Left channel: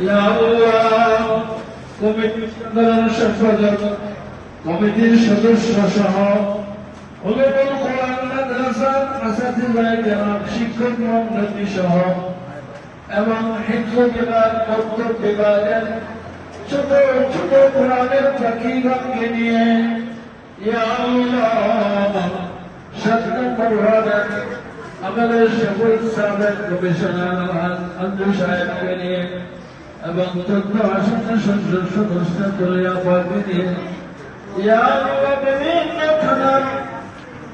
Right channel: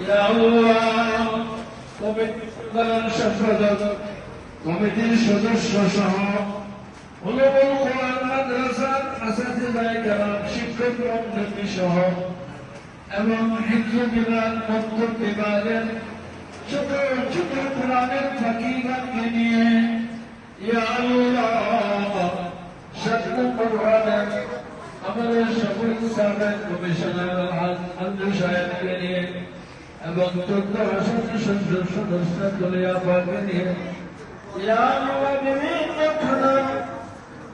ইয়া আল্লাহ কমিটির সদস্য সহ উলুমুল কোরআন মাদ্রাসা আসাতিজা জনাব শিক্ষক মণ্ডলী সহ এবং হিফজ বিভাগ মক্তব বিভাগের ছোট ছোট কোরআনের ফাকিহগণকে নিয়ে ইয়া আল্লাহ সত্য পরিবারের আমাদের সকল সাবেক কমিশনার আব্দুল সাহেবকে নিয়ে এবং তথ্য আসন সংসদ সদস্য দলীয় পার্টি নিয়ে ইয়া আল্লাহ বিভিন্ন খানা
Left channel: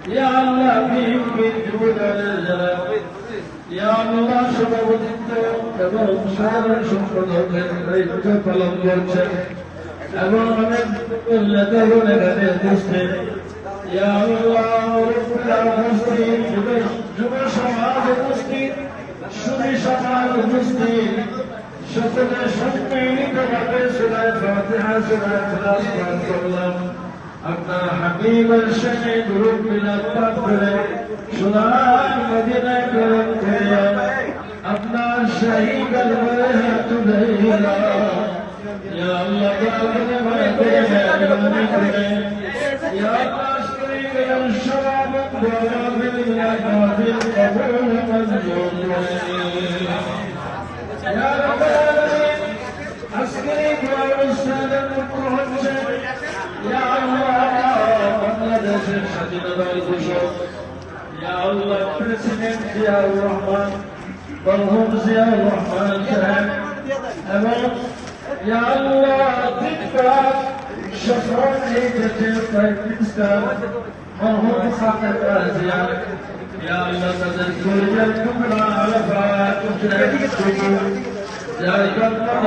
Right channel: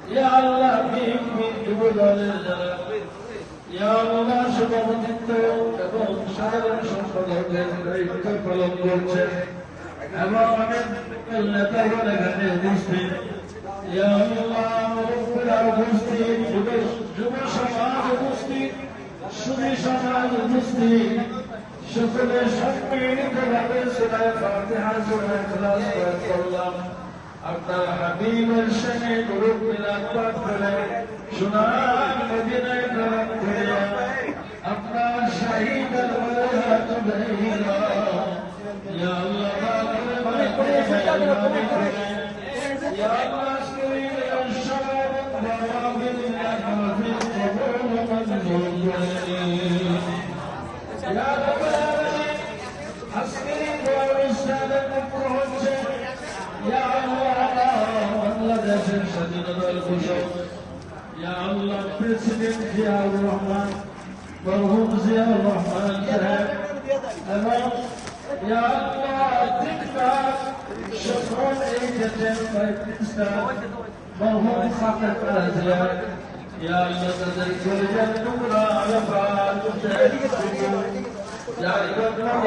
ইয়া আল্লাহ বিভিন্ন যুবদলের যারা ইয়া আল্লাহ সভাপতিত্ব এবং সাধারণ সম্পাদকের দায়িত্ব পালন করছেন এবং অনেক নেতাগণ এখানে উপস্থিত ইয়া আল্লাহ উপস্থিত যুব সমাজ উপস্থিত সুবি সমাজ উপস্থিত সকলের সম্মিলিতভাবে সূরা ফাতিহা সূরা ইখলাস পাঠ করলাম আপনার হাবিবের সঙ্গে দুরূদ মিলাদ পাঠ করে সোনার মদিনায় গ্রহণ করে আপনার শহীদ আল-বাহাত উদাইরা ইয়া আল্লাহ তাআলা মনে করে মেহরবানি করে ইয়া আল্লাহ শরীরের সব বরাবর ইয়া কাবিল কবুল মঞ্জুর করে ইয়া রাব্বানা আজকের অনুষ্ঠানের মুখ্য হচ্ছে ইয়া আল্লাহ বাংলাদেশের স্বাধীনতার ঘোষক ইয়া আল্লাহ প্রেসিডেন্ট জিয়াউর রহমান মরহুম জিয়াউর রহমান সাহেব এবং ইয়া আল্লাহ জিতকার সকল এই দেশের প্রাইম মিনিস্টার মরহুম খালেদা জিয়া ইয়া আল্লাহ তাদের পরিবার তোমরা আরাফাত জায়গা করে